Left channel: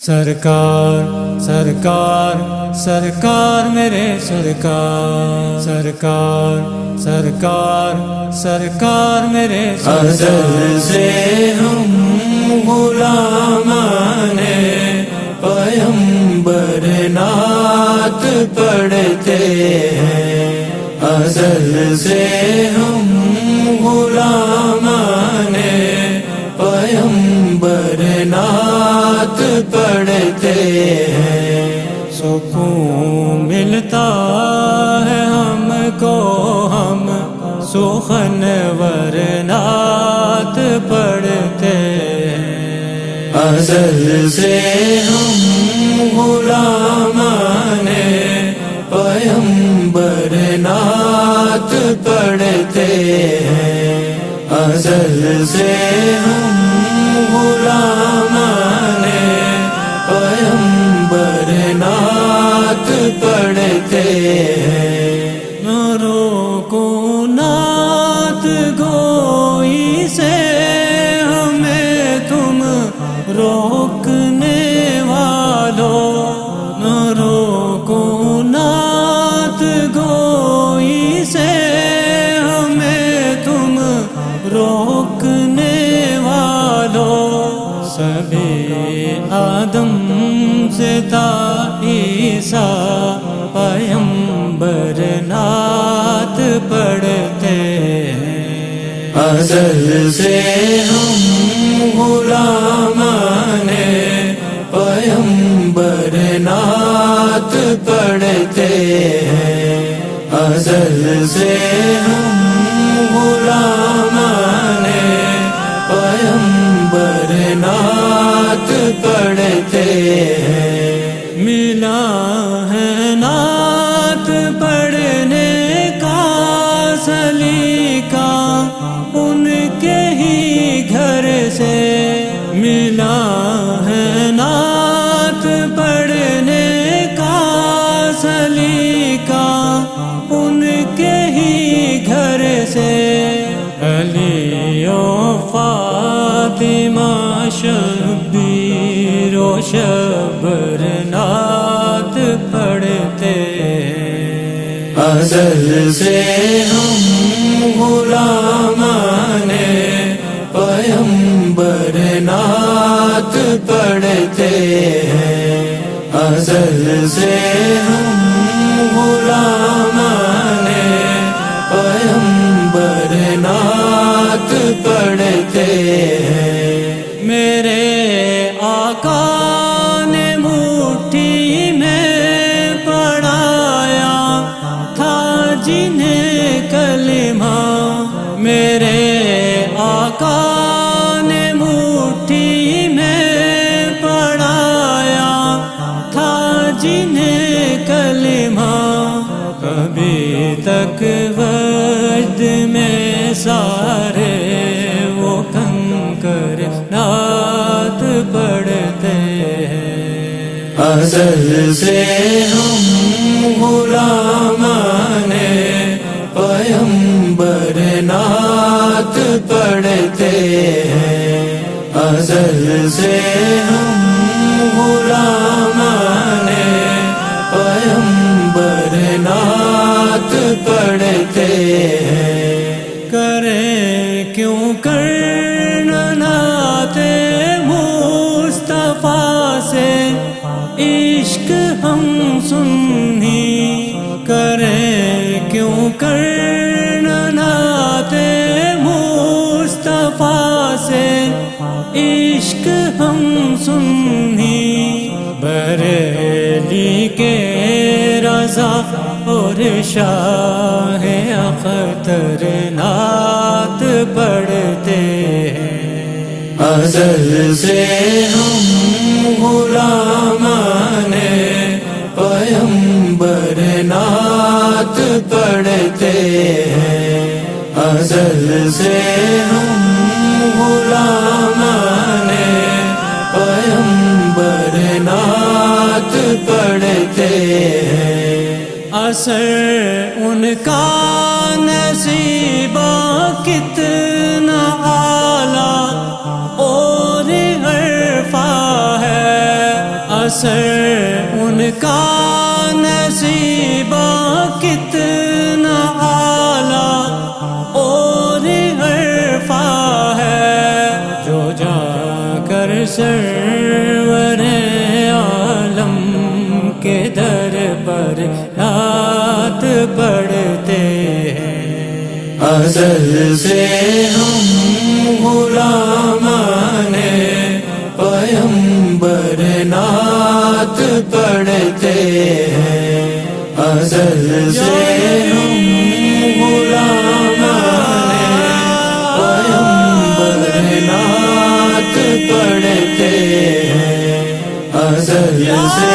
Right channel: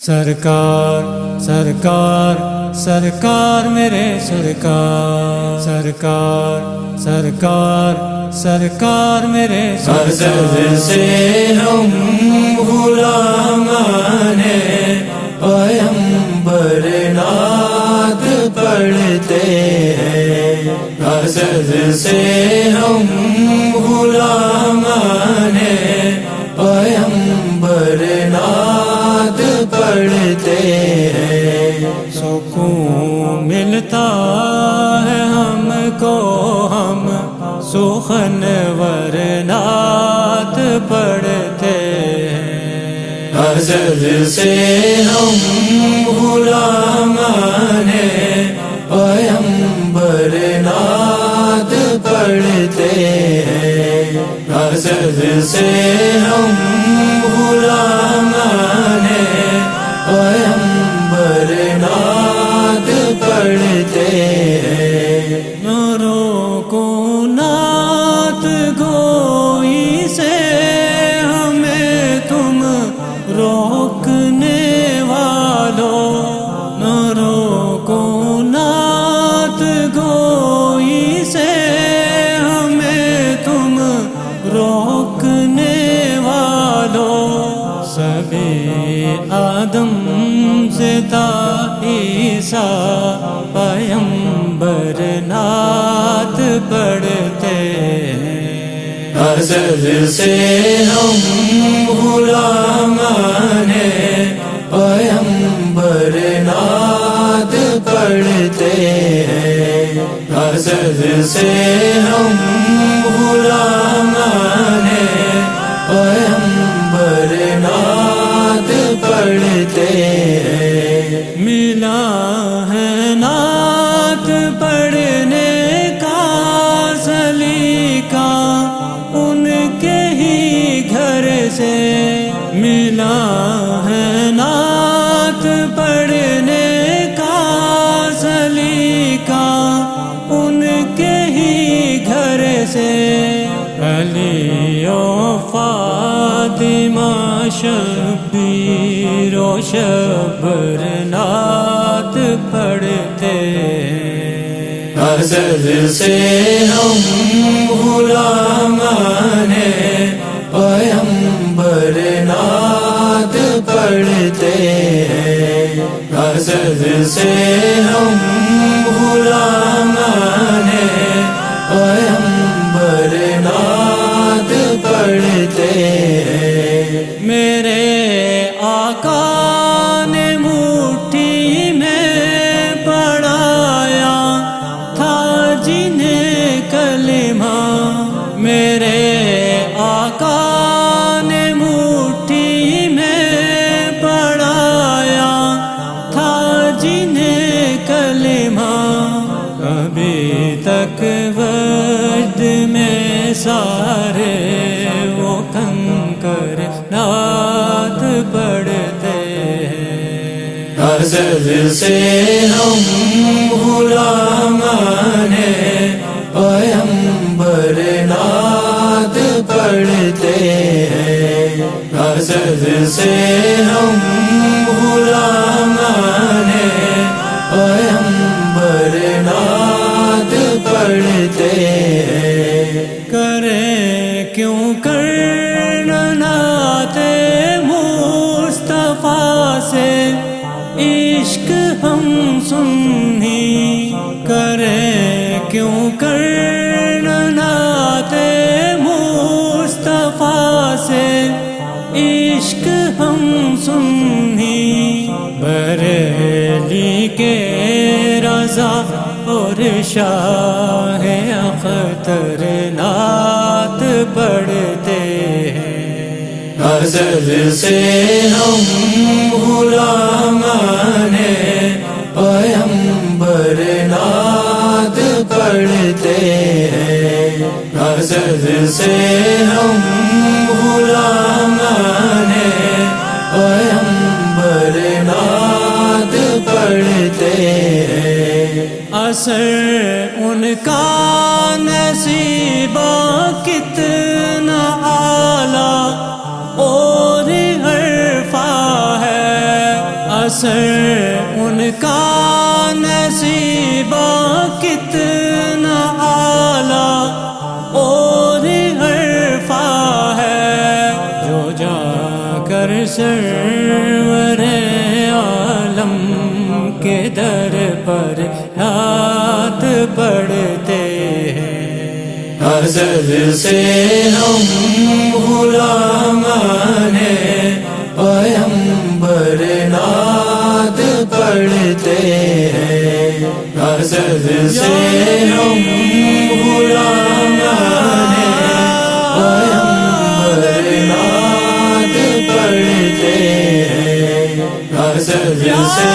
سرکار سرکار سرکار میرے سرکار سرکار سرکار سرکار میرے سرکار سے ہم غلامان پیغمبر نعت پڑھتے ہیں، ازل سے ہم غلامان پیغمبر نعت پڑھتے ہیں۔ سکون ملتا ہے ہم کو، ہم سخن ورنات پڑھتے ہیں، ازل سے ہم غلامان پیغمبر نعت پڑھتے ہیں، ازل سے ہم غلامان پیغمبر نعت پڑھتے ہیں۔ نورو کو نعت گوئی سے ہمیں تم روکنے والوں، نورو کو نعت گوئی سے ہمیں تم روکنے والوں، سبھی آدم سے تا عیسیٰ پیغمبر نعت پڑھتے ہیں، ازل سے ہم غلامان پیغمبر نعت پڑھتے ہیں، ازل سے ہم غلامان پیغمبر نعت پڑھتے ہیں۔ ملا ہے نعت پڑھنے کا سلیقہ ان کے ہی گھر سے، ملا ہے نعت پڑھنے کا سلیقہ ان کے ہی گھر سے، علی و فاطمہ شبیر و شبر نعت پڑھتے ہیں، ازل سے ہم غلامان پیغمبر نعت پڑھتے ہیں، ازل سے ہم غلامان پیغمبر نعت پڑھتے ہیں۔ میرے آقا نے مٹھی میں پڑھایا تھا جنہیں کلمہ، میرے آقا نے مٹھی میں پڑھایا تھا جنہیں کلمہ، ابھی تک وجد میں سارے وہ کنکر نعت پڑھتے ہیں، ازل سے ہم غلامان پیغمبر نعت پڑھتے ہیں، ازل سے ہم غلامان پیغمبر نعت پڑھتے ہیں۔ کریں کیوں کرنا نعت مصطفیٰ سے عشق ہم سنی، کریں کیوں کرنا نعت مصطفیٰ سے عشق ہم سنی، بریلی کے رضا اور شاہ اختر نعت پڑھتے ہیں، ازل سے ہم غلامان پیغمبر نعت پڑھتے ہیں، ازل سے ہم غلامان پیغمبر نعت پڑھتے ہیں۔ اثر ان کا نصیبہ کتنا اعلیٰ اور عرفہ ہے، اثر ان کا نصیبہ کتنا اعلیٰ اور عرفہ ہے، جو جا کر سرور عالم کے در پر رات پڑھتے ہیں۔ ازل سے ہم غلامان پیغمبر نعت پڑھتے ہیں، ازل سے ہم غلامان پیغمبر نعت پڑھتے ہیں، ازل سے